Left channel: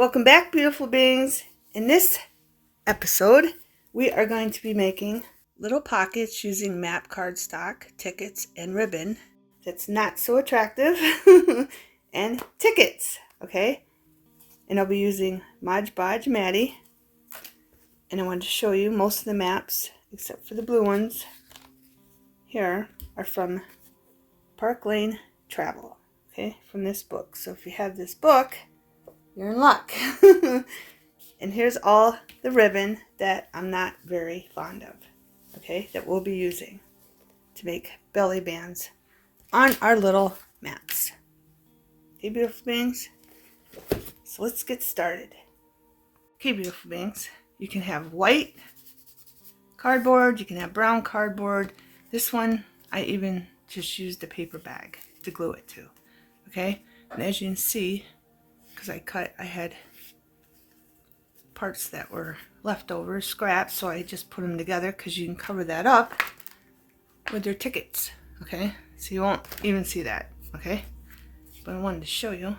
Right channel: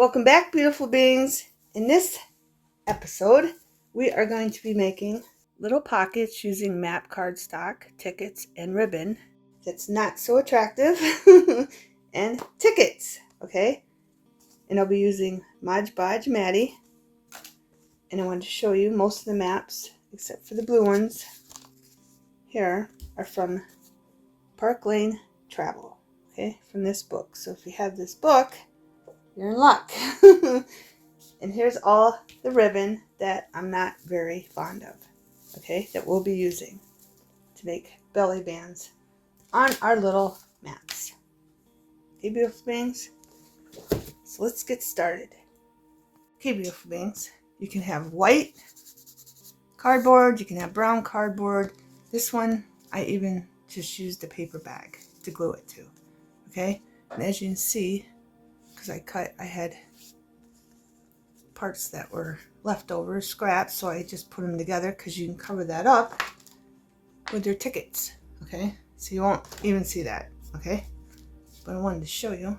Welcome back, beautiful beings. In this episode, we are going to be making little pockets using map cardstock, tickets, and ribbon that's not so attractive, and tickets, okay? And I'll be using Mod Podge Maddie, and I wanted to show you most of the maps, except for the blue ones here, are from Park Lane Travel, okay, from this book. So if you have this book, you're in luck. And here's all the ribbon that I'm not very fond of, okay, that we'll be using to make belly bands on our little maps. Okay, beautiful beings? So let's get started. Okay, beautiful beings, you can have white cardboard, you can have brown cardboard. This one, I even just used a paper bag to glue it to, okay? And as you can see, because I had parts that were leftover, scraps, so I just put them together because you can cover that up with your tickets, okay? So you won't even see that, okay? But I wanted to show you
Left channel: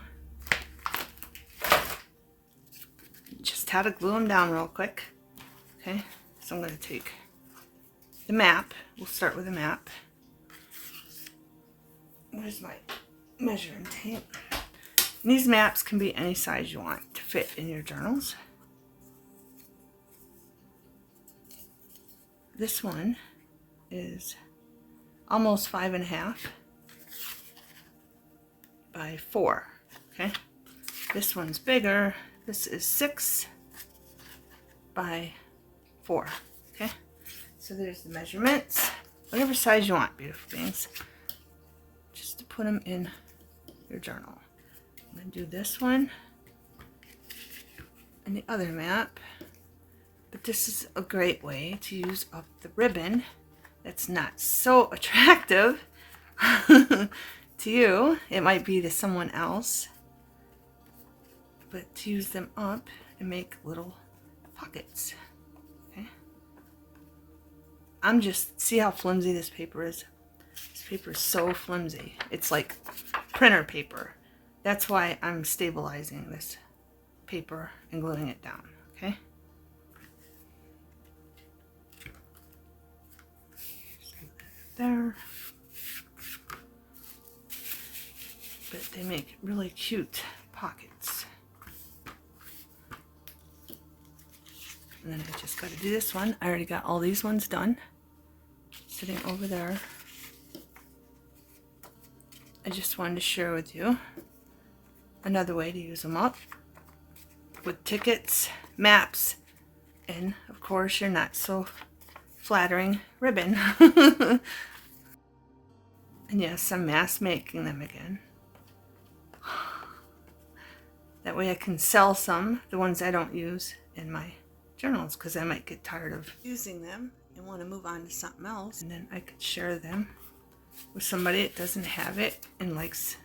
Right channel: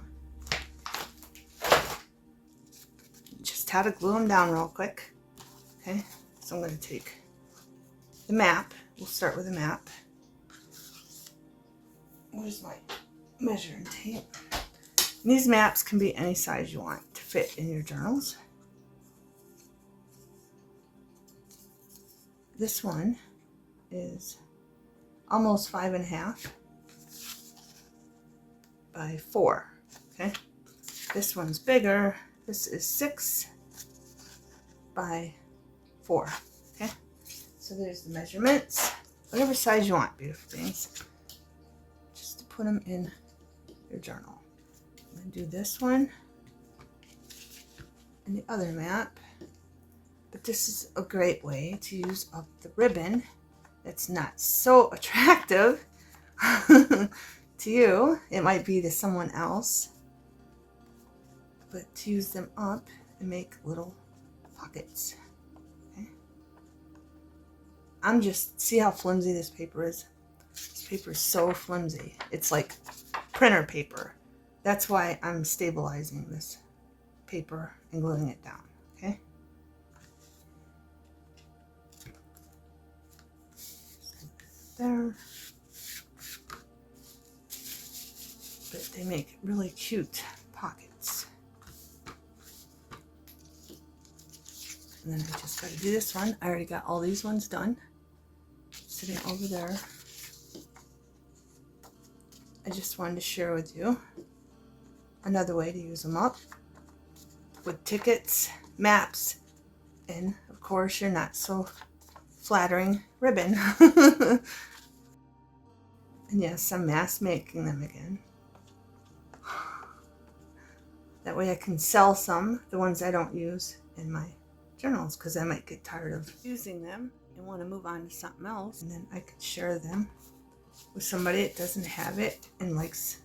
just how to glue them down real quick, okay? So I'm going to take the map. We'll start with the map. Where's my measuring tape? And these maps can be any size you want to fit in your journals. This one is almost 5.5 by 4, okay? This one's bigger. This is 6 by 4, okay? So there's the measurements, whatever size you want, beautiful things, just to put them in your journal. I'm going to do this one and the other map. But this is a great way to use up the ribbon that's not so attractive to you. It might be to someone else. But to use them up and make little pockets. Okay? See how flimsy this paper is? This paper is so flimsy. It's like printer paper. That's why I'm stabilizing this paper and gluing it down. Okay? There, but they make really cute pockets. And then I just got to do this one. I already got all these ones done, sitting over there. I just wanted to share with you another way to use them up with tickets, maps, and of course your not so flattering ribbon. And yes, I'm mass making them again. That way I can sell some, the ones I don't use in my journals, because I might get tired of using them and want to move on to something else. And then I could share them with somebody that doesn't have it and likes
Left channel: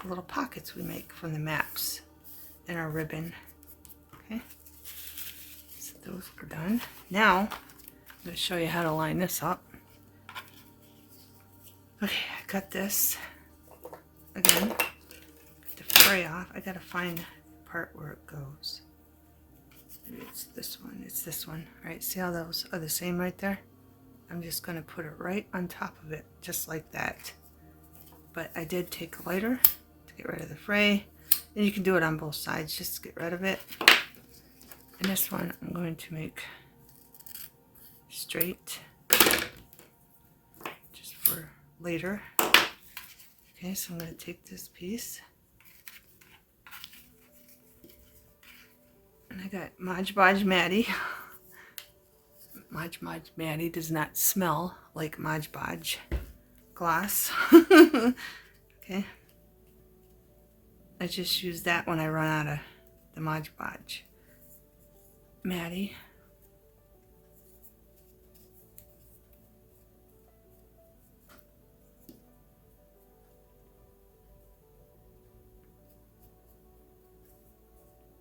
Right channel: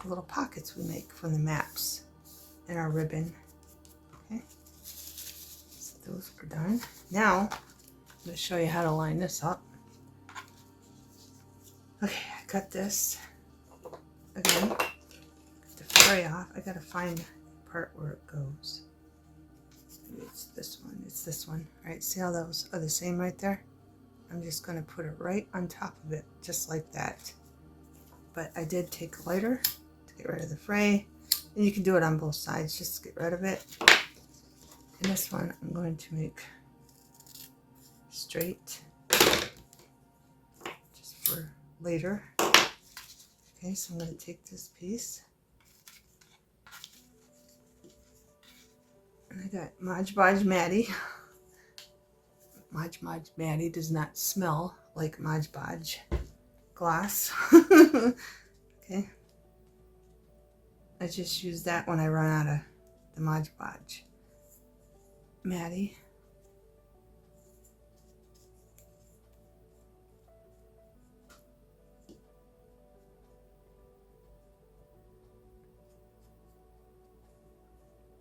the little pockets we make from the maps and our ribbon. Okay, so those are done. Now I'm going to show you how to line this up. Okay, I cut this again. Get the fray off. I gotta find the part where it goes. Maybe it's this one. It's this one. Alright, see how those are the same right there? I'm just gonna put it right on top of it, just like that. But I did take a lighter to get rid of the fray. And you can do it on both sides just to get rid of it. And this one I'm going to make straight, just for later. Okay, so I'm going to take this piece, and I got Mod Podge Maddie. Mod Podge Maddie does not smell like Mod Podge gloss. Okay, I just use that when I run out of the Mod Podge Maddie.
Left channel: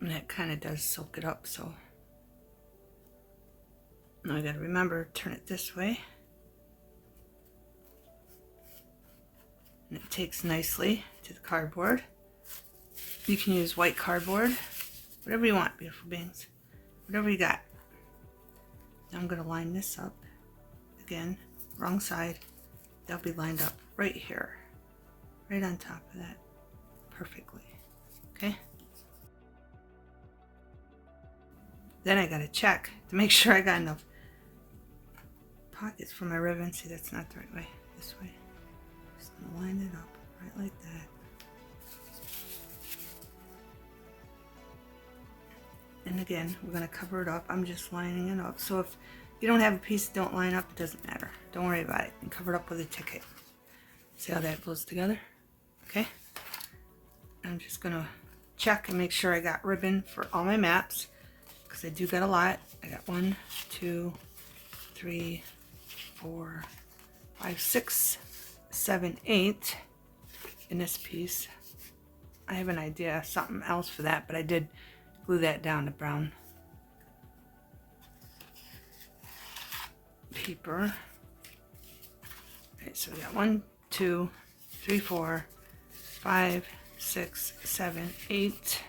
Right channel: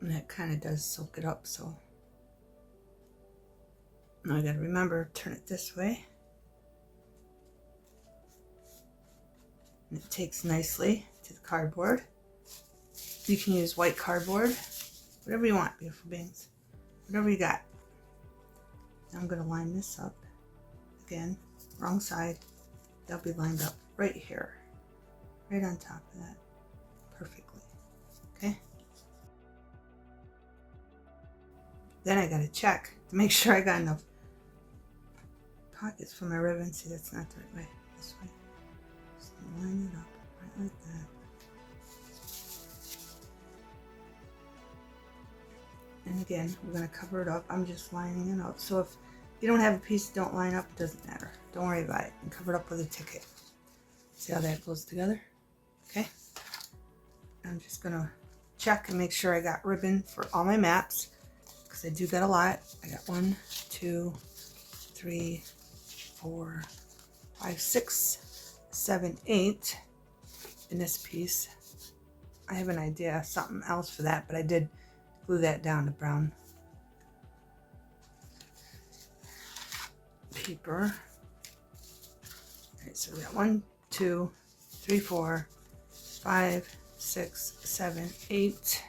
And that kind of does soak it up, so now I gotta remember, turn it this way. And it takes nicely to the cardboard. You can use white cardboard whatever you want, beautiful beings. Whatever you got. Now I'm going to line this up. Again, wrong side. They'll be lined up right here. Right on top of that. Perfectly. Okay? Then I got to check to make sure I got enough pockets for my ribbon. See, that's not the right way. This way. Just gonna line it up right like that. And again, we're going to cover it up. I'm just lining it up. So if you don't have a piece that don't line up, it doesn't matter. Don't worry about it. And cover it up with a ticket. See how that goes together? Okay. I'm just going to check and make sure I got ribbon for all my maps, because I do got a lot. I got 1, 2, 3, 4, 5, 6, 7, 8 in this piece. I have an idea, something else for that, but I did glue that down to brown paper. Okay, so we got 1, 2, 3, 4, 5, 6, 7, 8.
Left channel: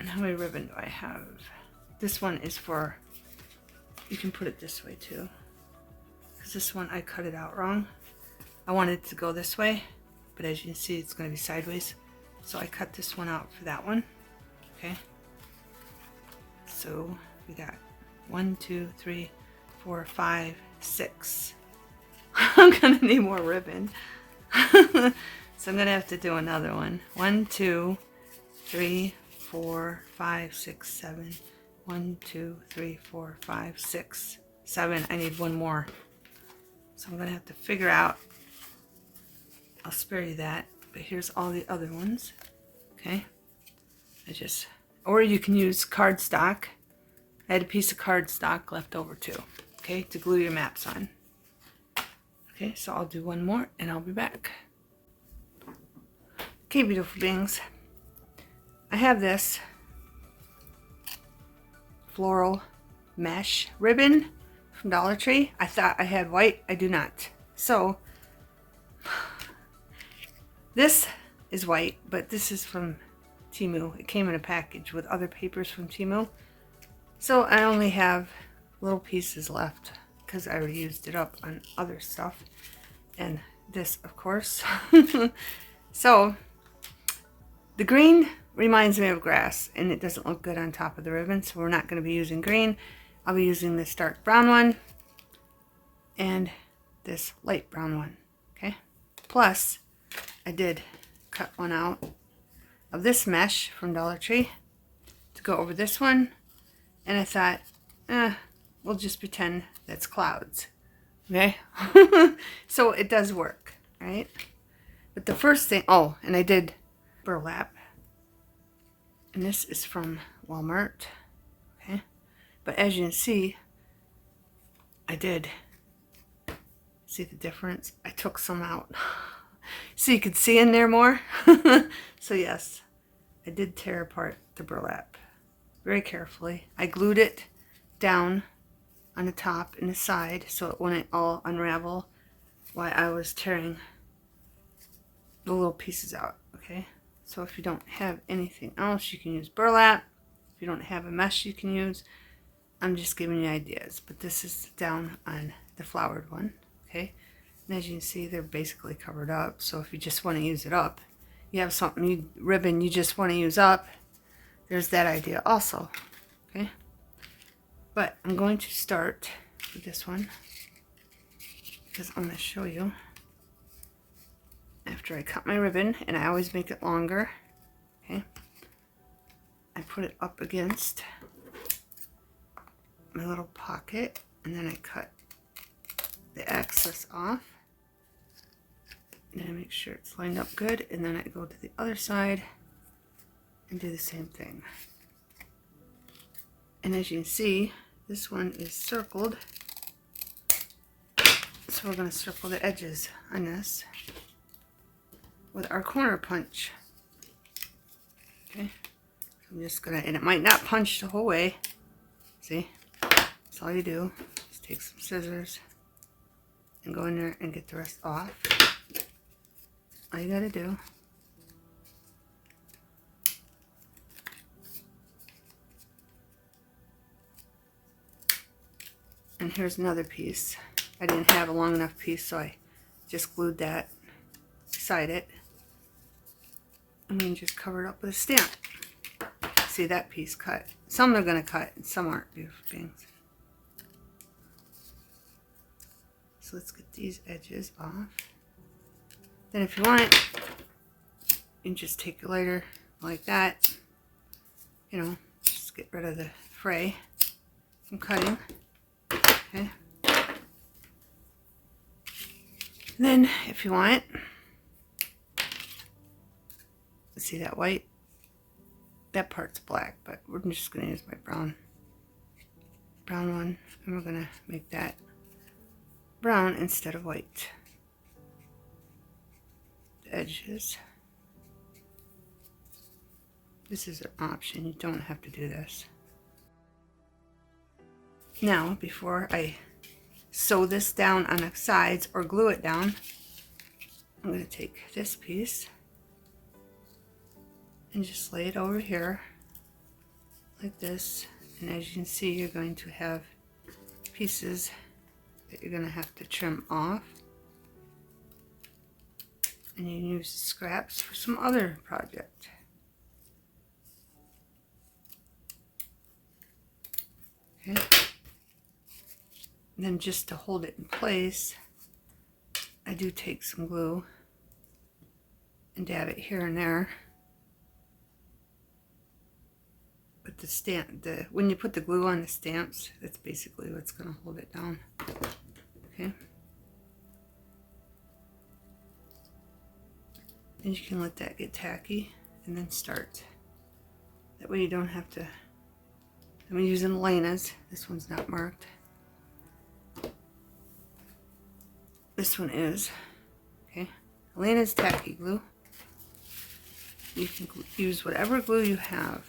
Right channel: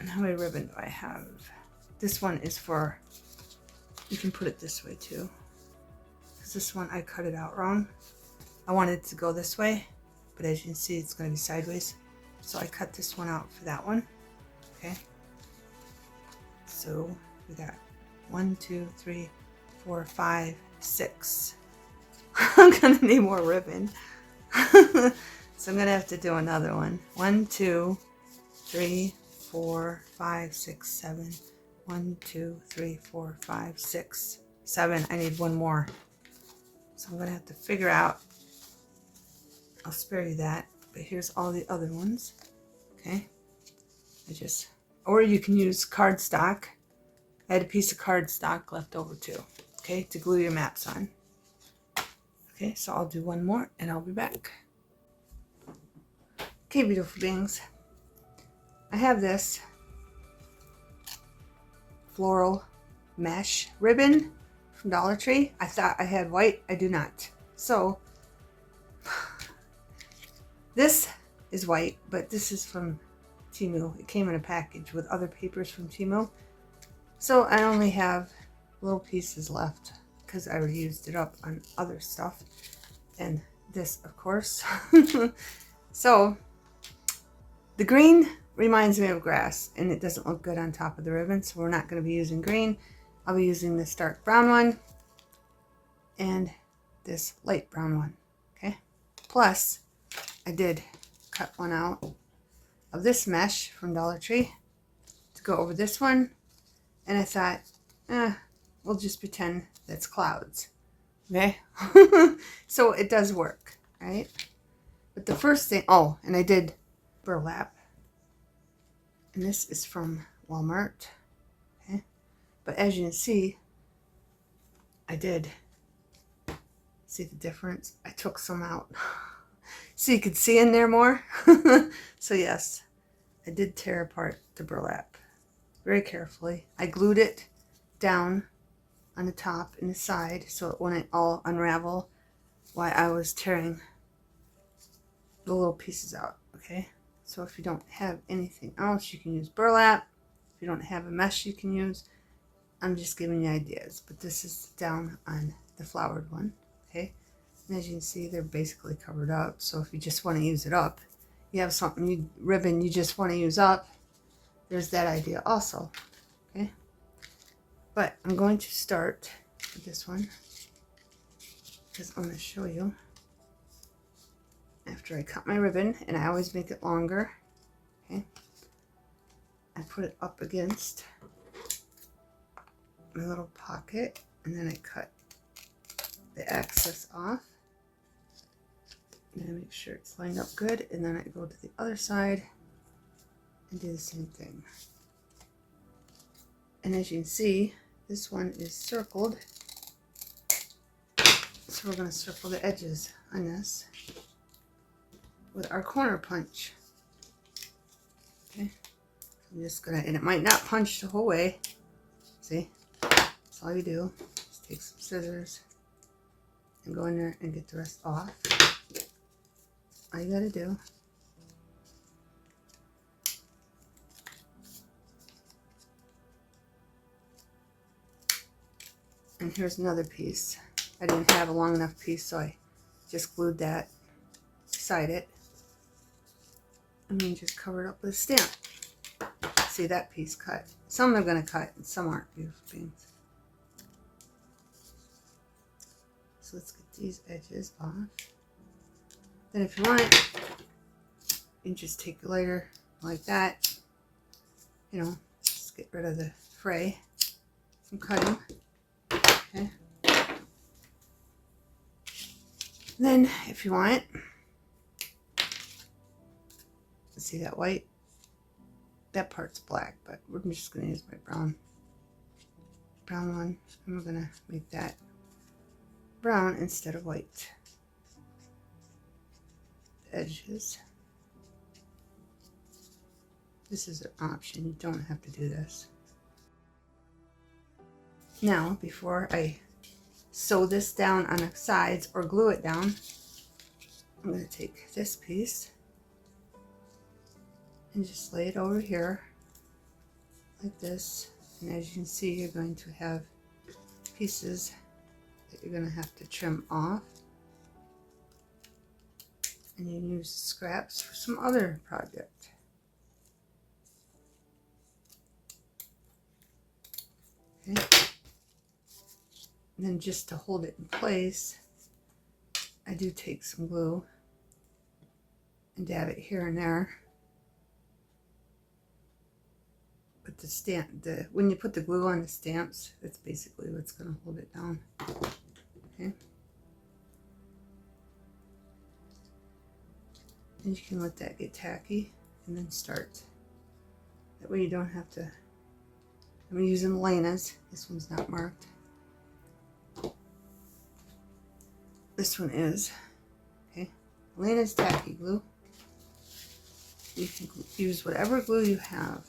And how many ribbon do I have? This one is for, you can put it this way too, because this one I cut it out wrong. I wanted it to go this way, but as you can see, it's going to be sideways. So I cut this one out for that one. Okay. So we got 1, 2, 3, 4, 5, 6. I'm going to need more ribbon. So I'm going to have to do another one. 1, 2, 3, 4, 5, 6, 7. 1, 2, 3, 4, 5, 6, 7. I need one more. So I'm going to have to figure out. I'll spare you that. But here's all the other ones. Okay. Or you can use cardstock. I had a piece of cardstock left over too. Okay, to glue your maps on. Okay, so I'll do one more and I'll be back. Okay, beautiful beings. I have this floral mesh ribbon from Dollar Tree. I thought I had white. I do not. So this is white, but this is from Temu. It came in a package with other papers from Temu. So I only have little pieces left because I already used it up on other stuff. And this, of course. So the green reminds me of grass, and it doesn't look good on top of the ribbon, so we're not going to be using green. I'll be using this dark brown one and this light brown one. Okay. Plus, I did cut one out of this mesh from Dollar Tree to go over this one, and I thought, we'll just pretend that's clouds. Okay. So it does work, right? But the first thing, oh, and I did burlap. And this is from Walmart. Okay. But as you can see, I did see the difference. I took some out so you could see in there more. So yes, I did tear apart the burlap very carefully. I glued it down on the top and the side so it wouldn't all unravel while I was tearing the little pieces out. Okay. So if you don't have anything else, you can use burlap. If you don't have a mesh, you can use. I'm just giving you ideas. But this is down on the flowered one. Okay. And as you can see, they're basically covered up. So if you just want to use it up, you have something, ribbon you just want to use up, there's that idea also. Okay. But I'm going to start with this one because I'm going to show you. After I cut my ribbon, and I always make it longer, okay, I put it up against my little pocket, and then I cut the excess off, and I make sure it's lined up good, and then I go to the other side and do the same thing. And as you can see, this one is circled, so we're going to circle the edges on this with our corner punch. Okay, so I'm just gonna, and it might not punch the whole way. See, that's all you do. Just take some scissors and go in there and get the rest off. All you gotta do And here's another piece. I didn't have a long enough piece, so I just glued that beside it. And then just cover it up with a stamp. See that piece cut. Some are going to cut and some aren't, beautiful things. So let's get these edges off. Then if you want it, you can just take your lighter like that. You know, just get rid of the fray from cutting. Okay. Then if you want, see that white? That part's black, but we're just going to use my brown one, and we're going to make that brown instead of white. The edges. This is an option. You don't have to do this. Now, before I sew this down on the sides or glue it down, I'm going to take this piece and just lay it over here like this. And as you can see, you're going to have pieces that you're going to have to trim off. And you can use the scraps for some other project. Okay. And then just to hold it in place, I do take some glue and dab it here and there. But the stamp, when you put the glue on the stamps, that's basically what's going to hold it down. Okay. And you can let that get tacky and then start. That way you don't have to. I'm using Elena's. This one's not marked. This one is. Okay. Elena's tacky glue. You can use whatever glue you have.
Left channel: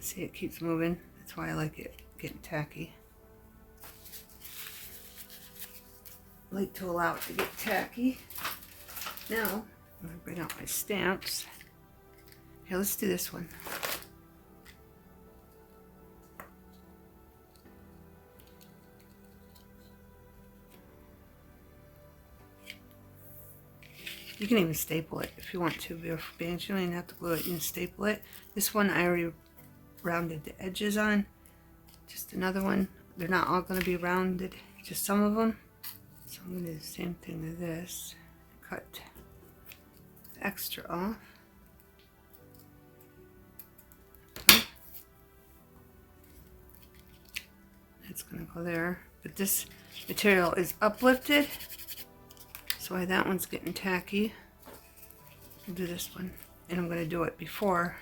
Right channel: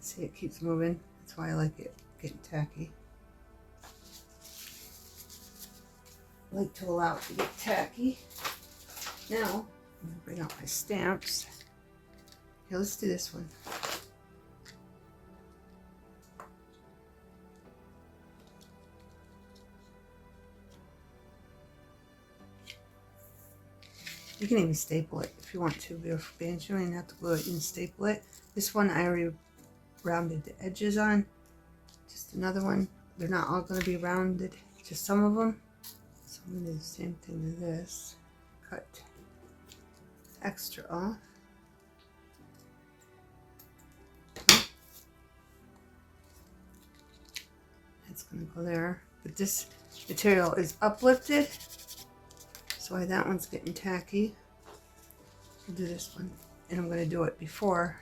See, it keeps moving. That's why I like it getting tacky. I like to allow it to get tacky. Now, I'm going to bring out my stamps. Here, let's do this one. You can even staple it if you want to, beautiful beings. You don't even have to glue it, you can staple it. This one I already rounded the edges on. Just another one. They're not all going to be rounded, just some of them. So I'm going to do the same thing to this. Cut the extra off. Okay. That's going to go there. But this material is uplifted. So why that one's getting tacky. I'll do this one. And I'm going to do it before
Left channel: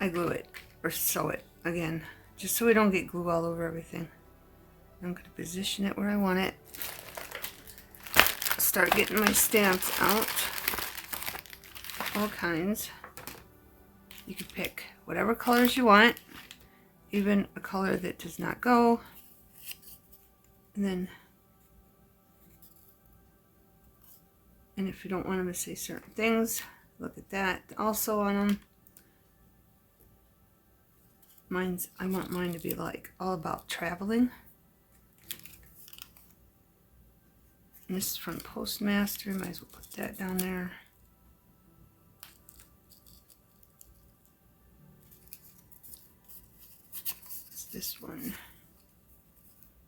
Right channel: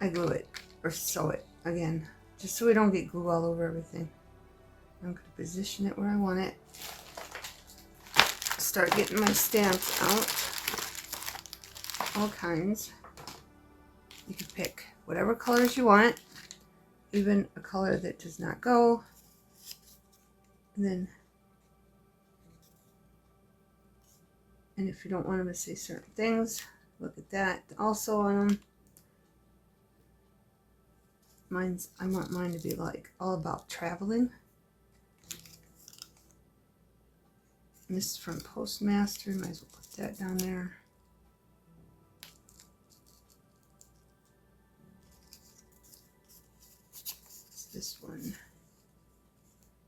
I glue it or sew it again. Just so we don't get glue all over everything. I'm going to position it where I want it. Start getting my stamps out. All kinds. You can pick whatever colors you want. Even a color that does not go. And if you don't want them to say certain things, look at that. Also on them. I want mine to be like all about traveling. And this is from Postmaster. Might as well put that down there. It's this one.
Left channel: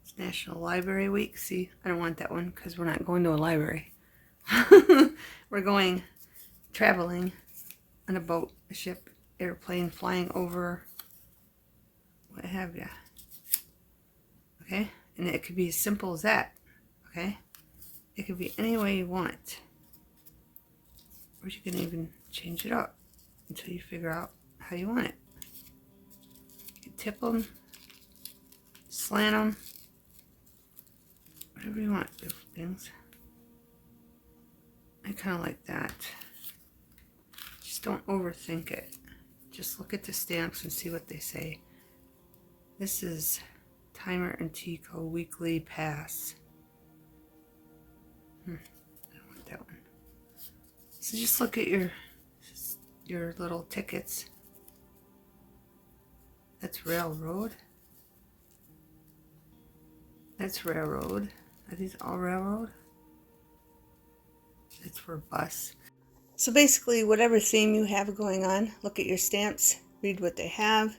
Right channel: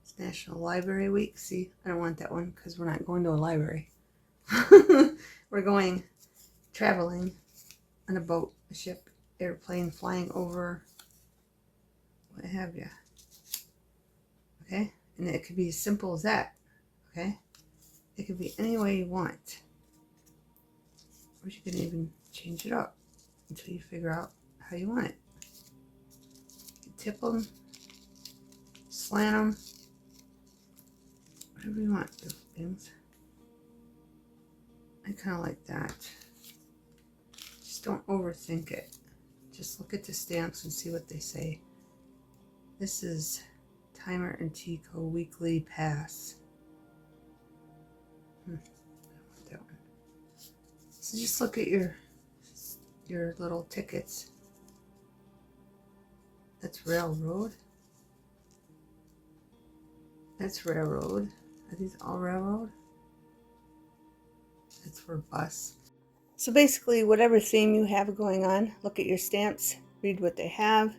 It's National Library Week. See, I don't want that one because we're not going to a library. We're going traveling on a boat, a ship, airplane, flying over, what have you. Okay? And it could be as simple as that. Okay? It could be any way you want. Or you can even change it up until you figure out how you want it. You tip them, slant them, whatever you want, little things. I kind of like that. Just don't overthink it. Just look at the stamps and see what they say. This is Timer and Tico Weekly Pass. I don't want that one. So just look at your little tickets. That's railroad. That's railroad. Are these all railroad? It's for bus. So basically, whatever theme you have going on, look at your stamps, read what they have,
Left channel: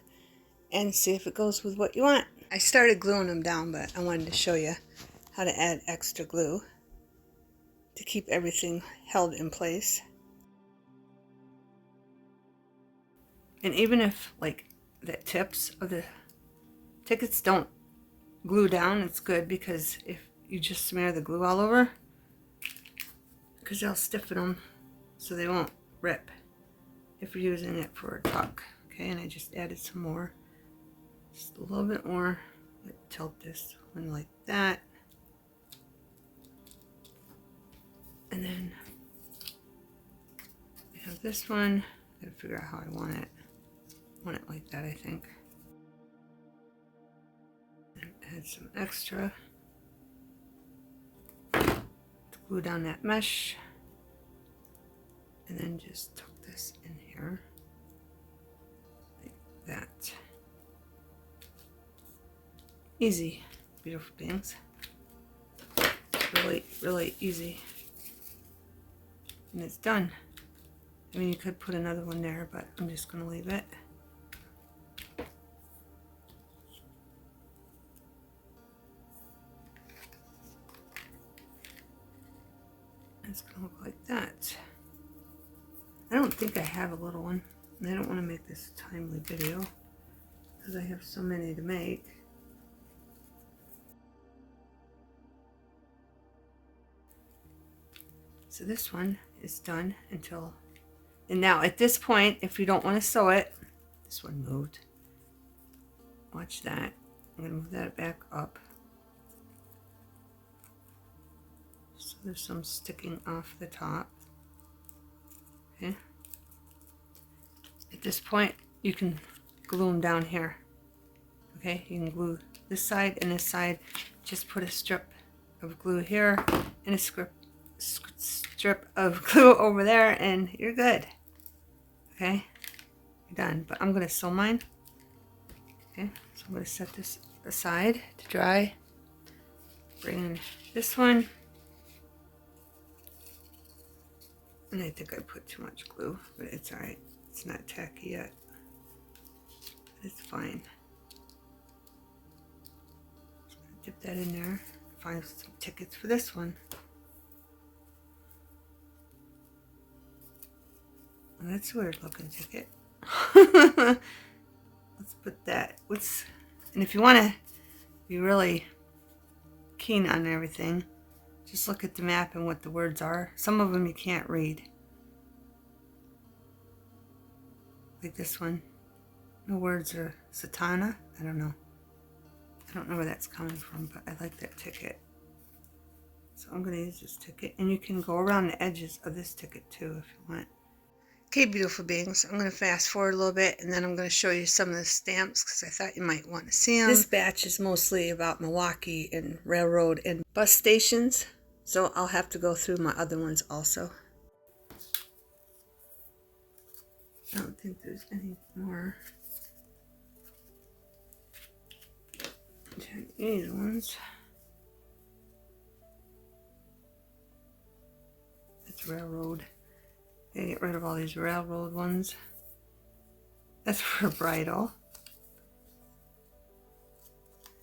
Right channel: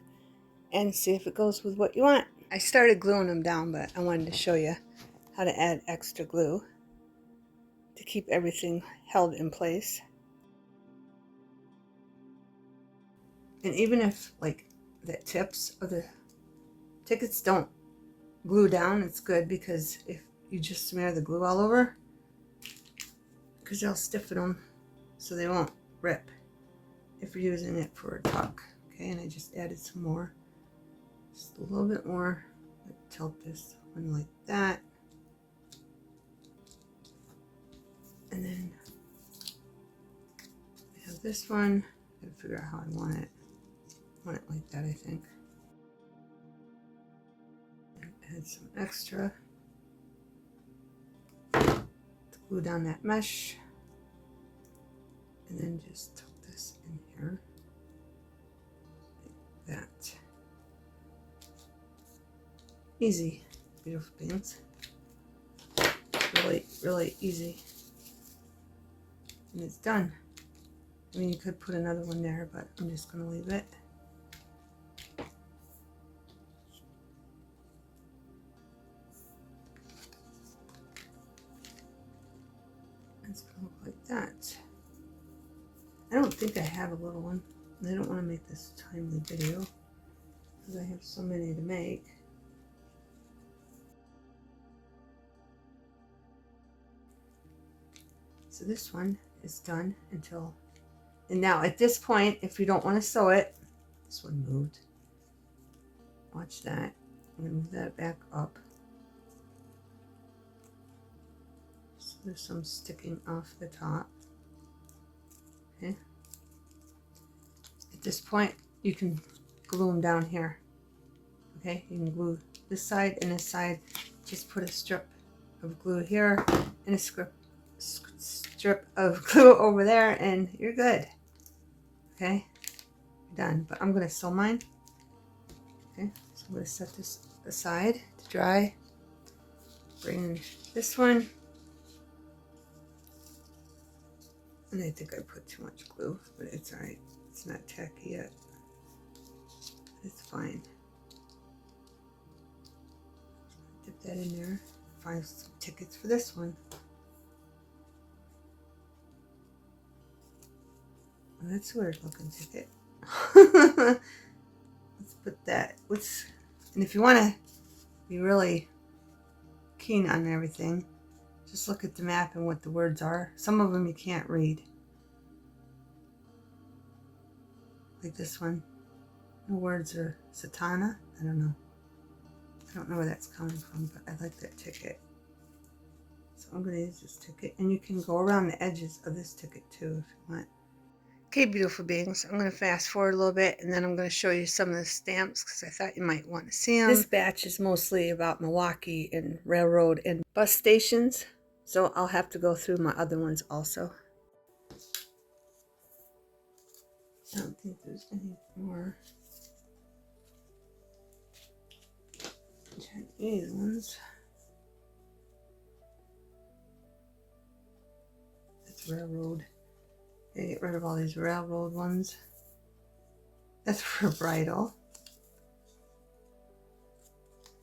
and see if it goes with what you want. I started gluing them down, but I wanted to show you how to add extra glue to keep everything held in place. And even if like the tips of the tickets don't glue down, it's good, because if you just smear the glue all over, because they'll stiffen them so they won't rip if you're using it for a tuck. Okay, and I just added some more, just a little bit more. Tilt this one like that, and then I have this one. I gotta figure out how I want it. I want it like that, I think. And add some extra to glue down that mesh, and then just tuck this in here like that. Easy, beautiful beings. Really, really easy. And it's done. I mean, you could put another one there, but I'm just going to leave it. It's going to look like that. I don't think I have a little one. And I don't want to make this a timely video because I have so many to make. So this one is done until, and now at this point, if you don't want to sew it, this one moved. Watch that. I'm going to move that back up. So there's some sticking off the top. Okay. At this point, you can glue them down here. Okay, you can glue this side and this side. Just put a strip of glue here and a strip of glue over there, and you're good. Okay, you're done. But I'm gonna sew mine. Okay, so I'm gonna set this aside to dry. Bring in this one, and I think I put too much glue, but it's all right. It's not tacky yet. It's fine. Dip that in there. Find some tickets for this one. Well, that's a weird looking ticket. Let's put that. And if you want to be really keen on everything, just look at the map and what the words are. Some of them you can't read. Like this one. The words are Satana. I don't know. I don't know where that's coming from, but I like that ticket. So I'm going to use this ticket. And you can go around the edges of this ticket too if you want. Okay, beautiful beings, I'm going to fast forward a little bit, and then I'm going to show you some of the stamps because I thought you might want to see them. This batch is mostly about Milwaukee and railroad and bus stations, so I'll have to go through my other ones also. I don't think there's any more Chinese ones. It's railroad. Get rid of all these railroad ones. That's for bridal.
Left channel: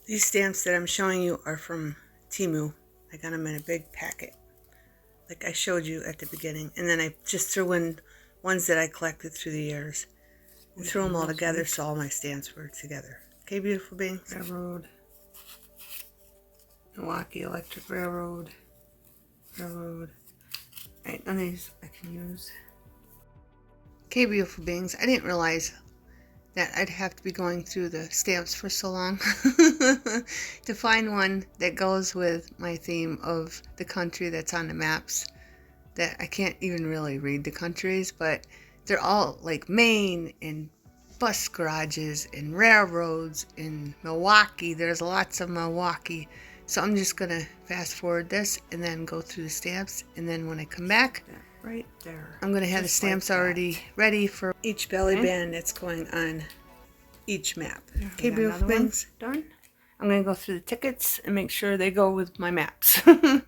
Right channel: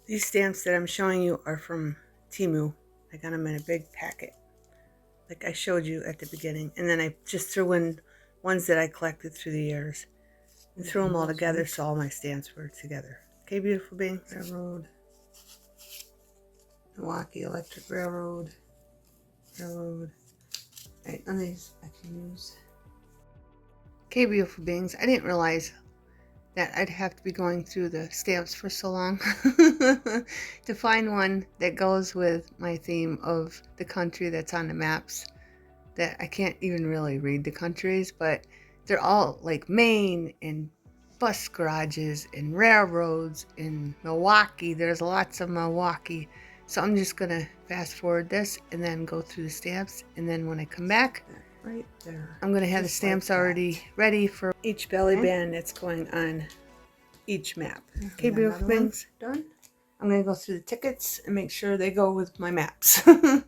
These stamps that I'm showing you are from Temu. I got them in a big packet, like I showed you at the beginning. And then I just threw in ones that I collected through the years and threw them all together so all my stamps were together. Okay, beautiful beings. Railroad. Milwaukee Electric Railroad. Railroad. Right, none of these I can use. Okay, beautiful beings, I didn't realize that I'd have to be going through the stamps for so long to find one that goes with my theme of the country that's on the maps. That I can't even really read the countries, but they're all like Maine and bus garages and railroads in Milwaukee. There's lots of Milwaukee. So I'm just going to fast forward this and then go through the stamps. And then when I come back, right there, I'm going to have the stamps already ready for each belly band that's going on each map. Okay, beautiful things. Done. I'm going to go through the tickets and make sure they go with my maps. Okay,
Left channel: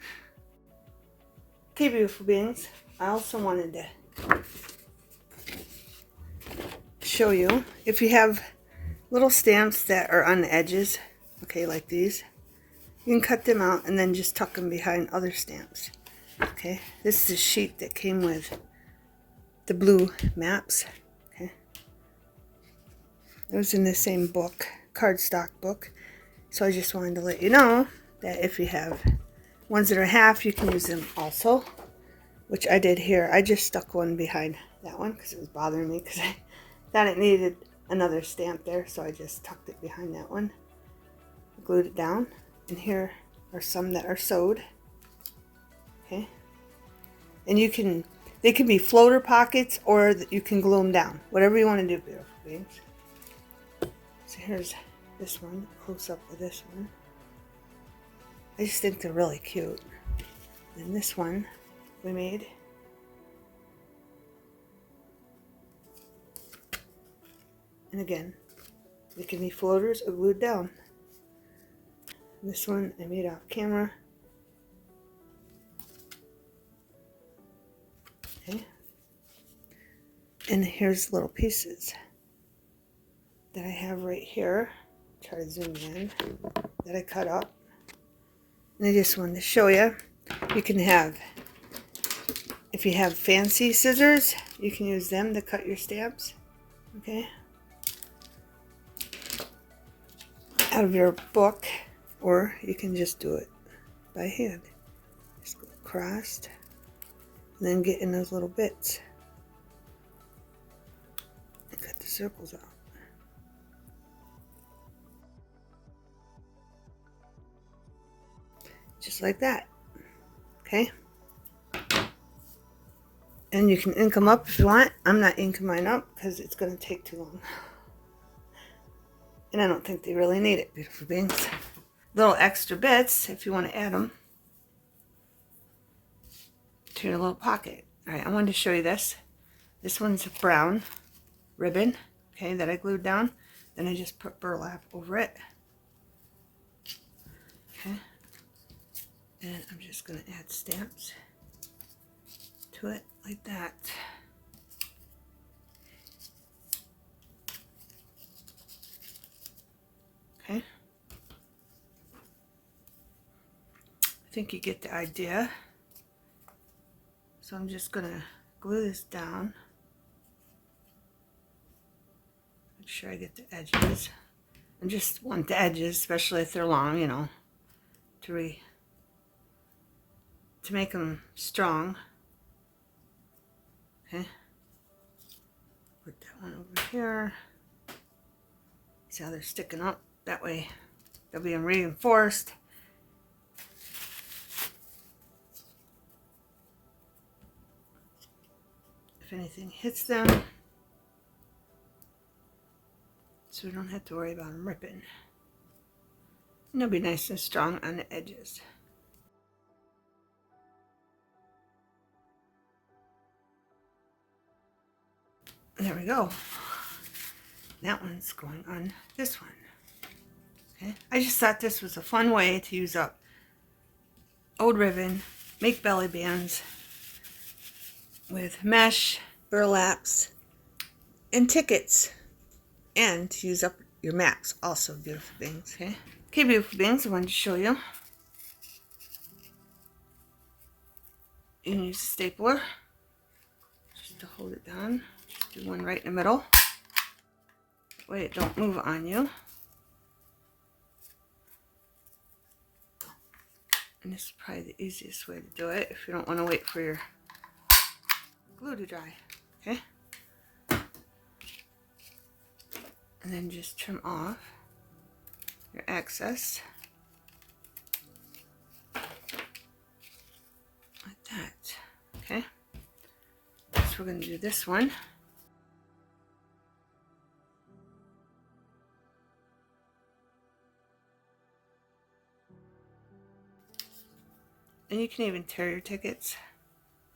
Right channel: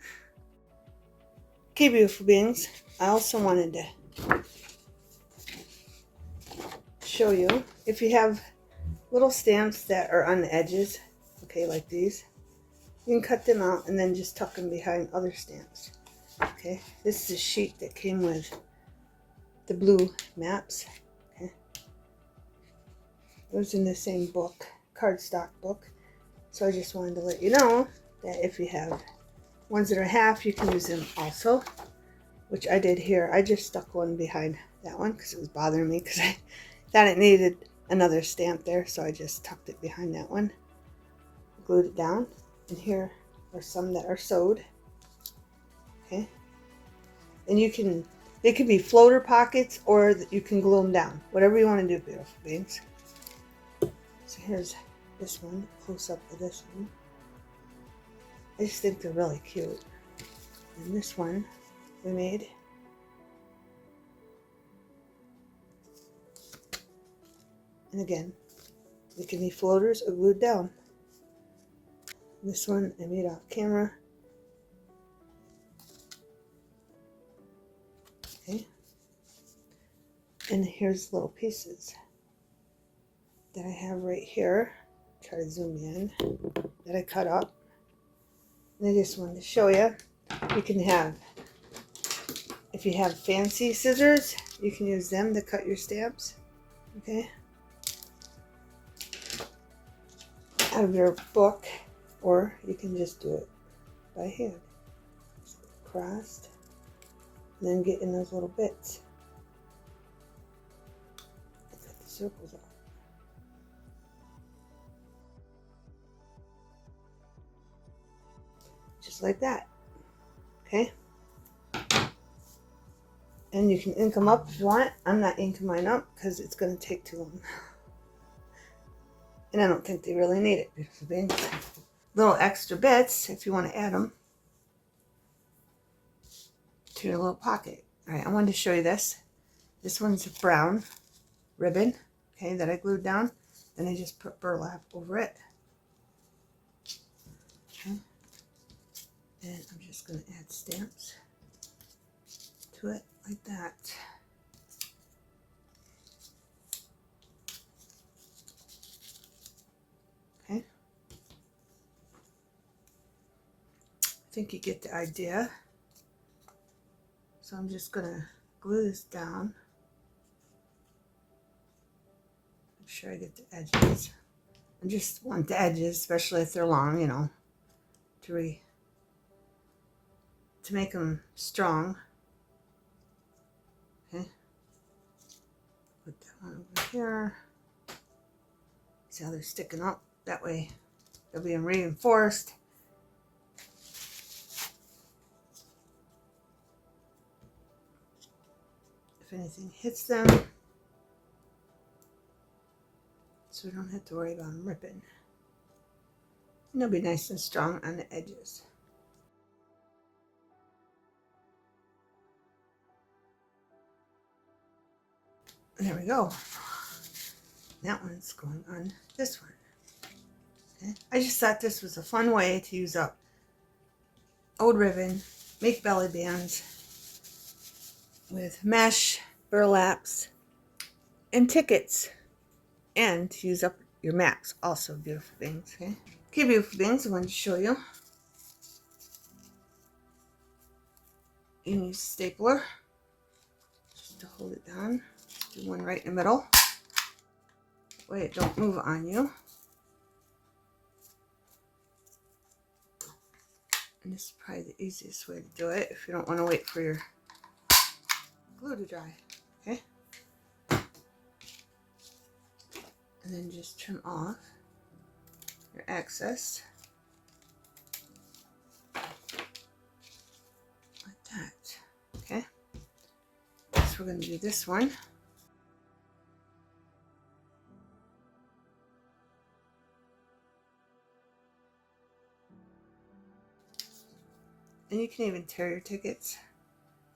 beautiful beings. I also wanted to show you, if you have little stamps that are on the edges, okay, like these, you can cut them out and then just tuck them behind other stamps. Okay, this is a sheet that came with the blue maps. Okay, it was in the same book, cardstock book. So I just wanted to let you know that if you have ones that are half, you can use them also, which I did here. I just stuck one behind that one because it was bothering me because I thought it needed another stamp there, so I just tucked it behind that one, glued it down, and here are some that are sewed. Okay, and they can be floater pockets or you can glue them down, whatever you want to do, beautiful beings. So here's this one, close up of this one. I just think they're really cute. And this one we made. And again, they can be floaters or glued down. And this one I made off camera. Okay. And here's little pieces that I have right here. Try to zoom in. That I cut up. And I just wanted to show you. You can have, if you have fancy scissors, you can use them to cut your stamps. Okay. Out of your book, or you can just do it by hand. Just go across and then get in those little bits and cut the circles out. Just like that. Okay. And you can ink them up if you want. I'm not inking mine up because it's going to take too long. And I don't think they really need it, beautiful beings. Little extra bits if you want to add them to your little pocket. Alright, I wanted to show you this. This one's a brown ribbon, okay, that I glued down. Then I just put burlap over it. Okay. And I'm just going to add stamps to it like that. Okay. I think you get the idea. So I'm just going to glue this down. Make sure I get the edges. I just want the edges, especially if they're long, you know, to make them strong. Okay. Put that one over here. See how they're sticking up? That way they'll be reinforced. If anything hits them, so we don't have to worry about them ripping. And they'll be nice and strong on the edges. There we go. That one's going on this one. Okay. I just thought this was a fun way to use up old ribbon, make belly bands with mesh, burlaps, and tickets, and to use up your maps. Also, beautiful things. Okay, okay, beautiful things. I wanted to show you. You can use a stapler just to hold it down. Just do one right in the middle. That way it don't move on you. And this is probably the easiest way to do it if you don't want to wait for your glue to dry. Okay. And then just trim off your excess like that. Okay. So we're going to do this one. And you can even tear your tickets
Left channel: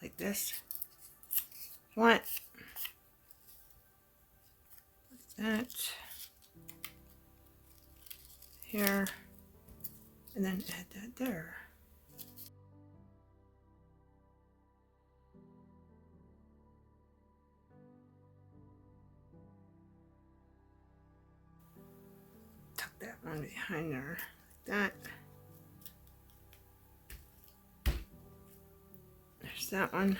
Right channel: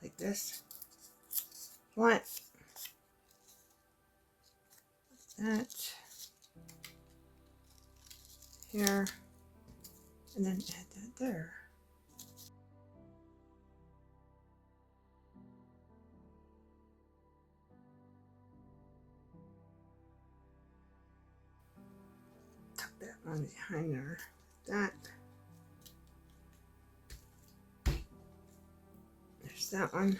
like this if you want. Like that. here, and then add that there. Tuck that one behind there, like that. There's that one.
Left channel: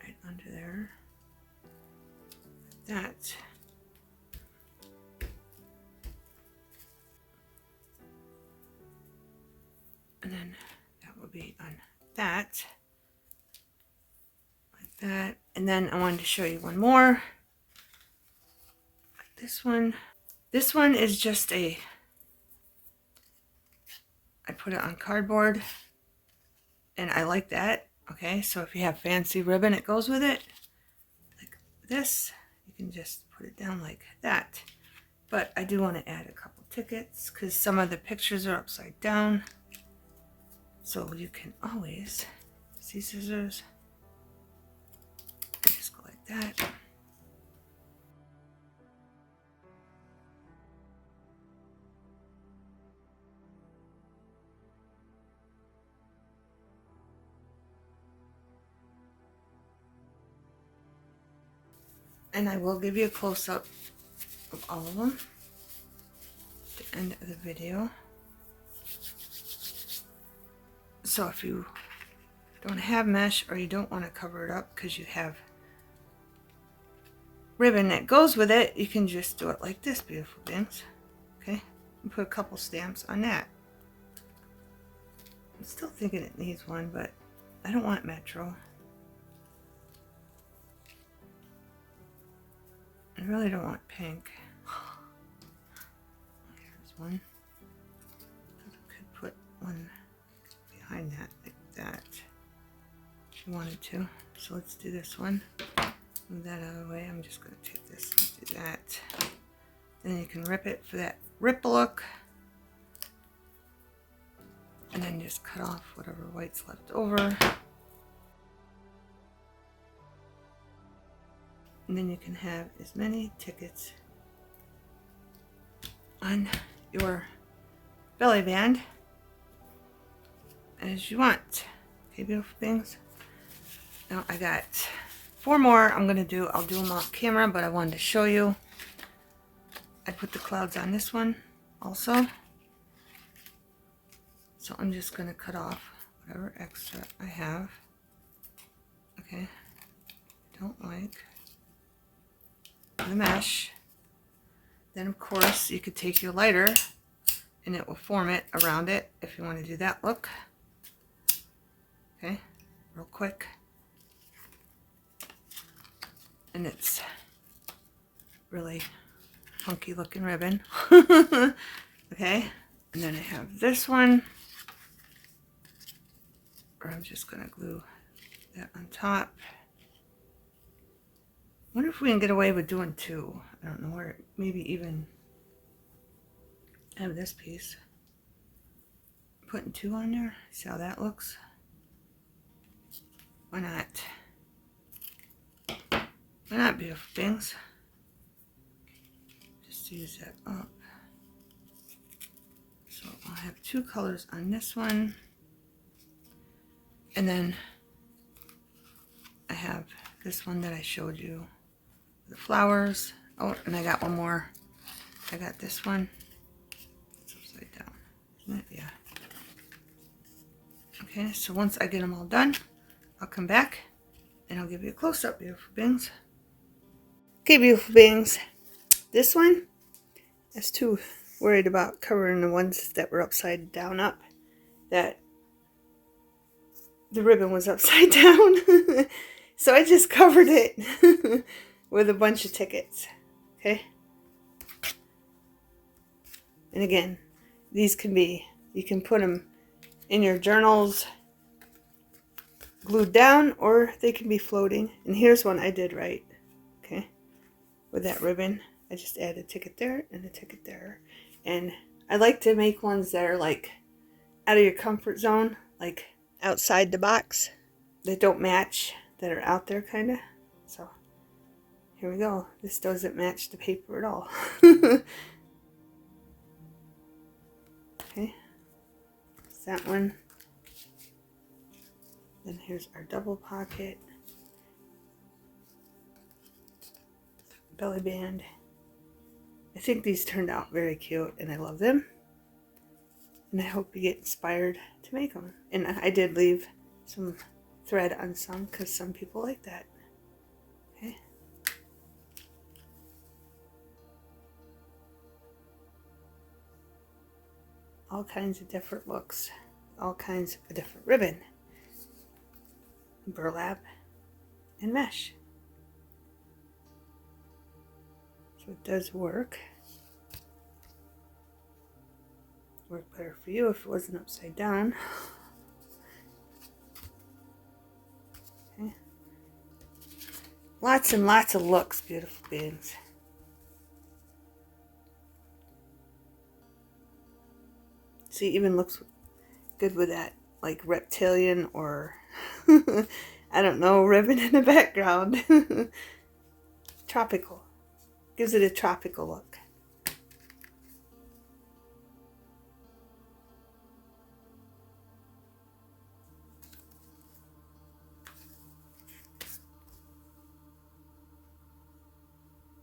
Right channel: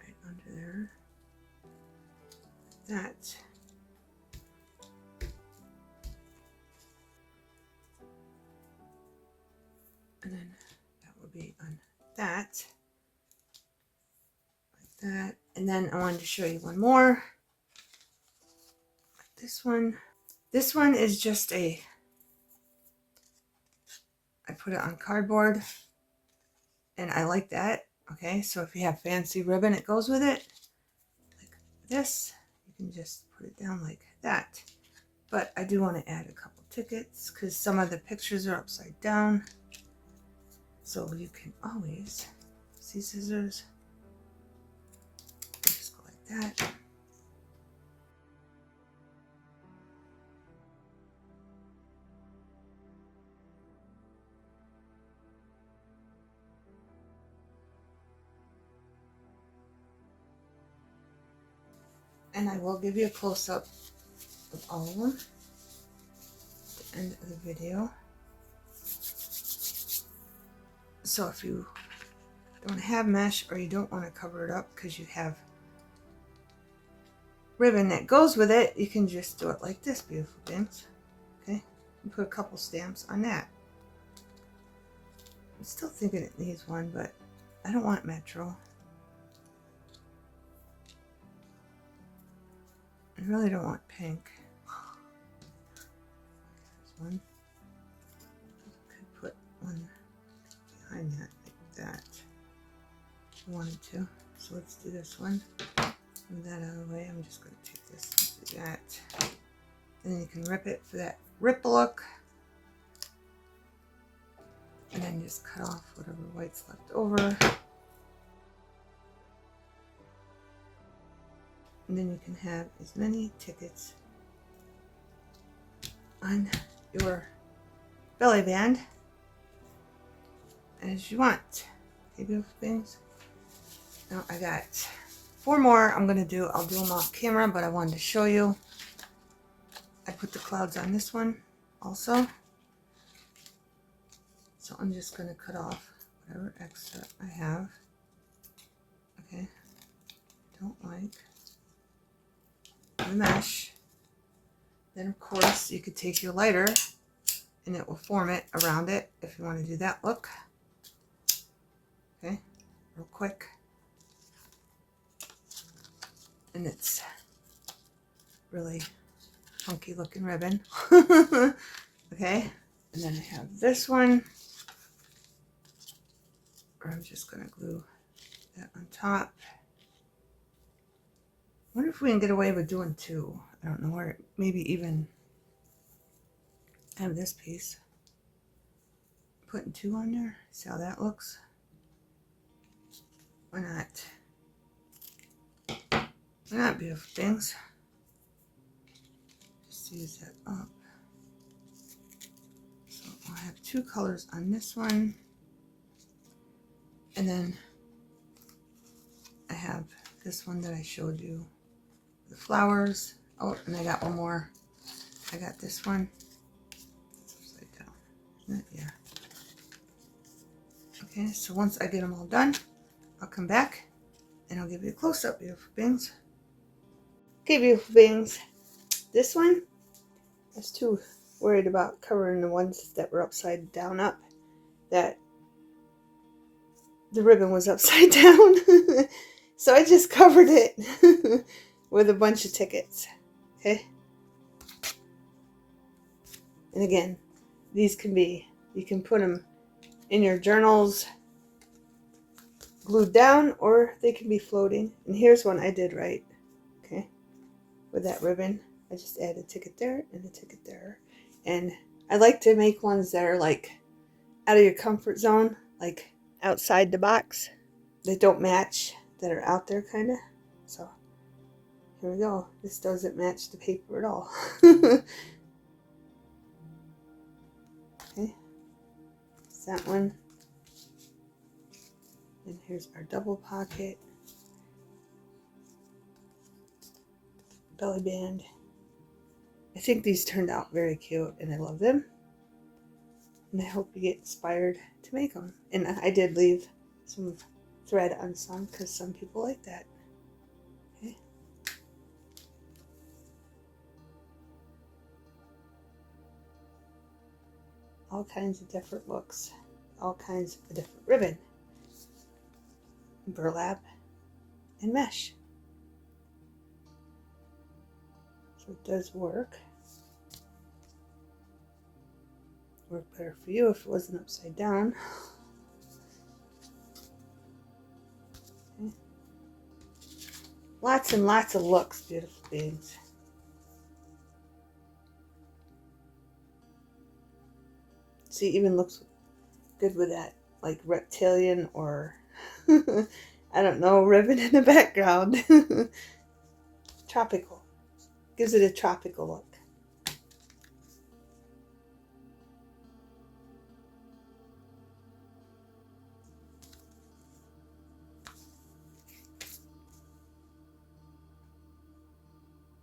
Right under there. That. And then that will be on that. Like that. And then I wanted to show you one more. Like this one. This one is just I put it on cardboard. And I like that. Okay, so if you have fancy ribbon that goes with it, like this, you can just put it down like that. But I do want to add a couple tickets because some of the pictures are upside down. So you can always, see scissors, just go like that. And I will give you a close-up of all of them at the end of the video. So if you don't have mesh or you don't want to cover it up because you have ribbon that goes with it, you can just do it like this, beautiful things. Okay, and put a couple stamps on that. I'm still thinking it needs one, but I don't want Metro. I really don't want pink. Here's one. I could put one behind that, like that, if you wanted to. So let's do this one. Move that out of the way. I'm just going to take this and do that. Then you can rip it for that rip look. And then just cut off whatever white's left over. And then you can have as many tickets on your belly band as you want. Okay, beautiful things. Now I got 4 more I'm gonna do. I'll do them off camera, but I wanted to show you. I put the clouds on this one also. So I'm just gonna cut off whatever extra I have. Okay, don't like the mesh. Then of course you could take your lighter and it will form it around it if you want to do that look. Okay, real quick. And it's really funky looking ribbon. Okay, and then I have this one. I'm just gonna glue that on top. I wonder if we can get away with doing 2. I don't know, or maybe even have this piece. Putting 2 on there. See how that looks? Why not? Why not, beautiful things? Just use that up. So I'll have 2 colors on this one. And then I have this one that I showed you. The flowers. Oh, and I got one more. I got this one. It's upside down, isn't it? Yeah. Okay, so once I get them all done, I'll come back and I'll give you a close-up, beautiful beings. Okay, beautiful beings. This one, I was too worried about covering the ones that were upside down up, that the ribbon was upside down. So I just covered it with a bunch of tickets. Okay. And again, these can be, you can put them in your journals glued down, or they can be floating. And here's one I did right. Okay. With that ribbon, I just added a ticket there and a ticket there. And I like to make ones that are like out of your comfort zone, like outside the box, that don't match, that are out there kind of. So here we go. This doesn't match the paper at all. Okay, that's that one. Then here's our double pocket, belly band. I think these turned out very cute and I love them. And I hope you get inspired to make them. And I did leave some thread on some because some people like that. Okay. All kinds of different looks. All kinds of different ribbon. Burlap and mesh. So it does work. Work better for you if it wasn't upside down. Okay. Lots and lots of looks, beautiful beings. See, it even looks good with that, like reptilian or I don't know, ribbon in the background. Tropical. Gives it a tropical look.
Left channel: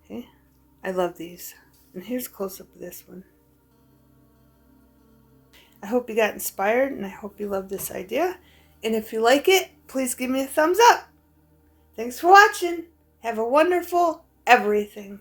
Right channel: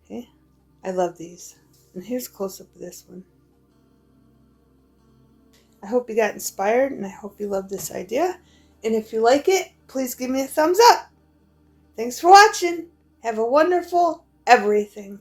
Okay, I love these. And here's a close-up of this one. I hope you got inspired and I hope you love this idea. And if you like it, please give me a thumbs up. Thanks for watching. Have a wonderful everything.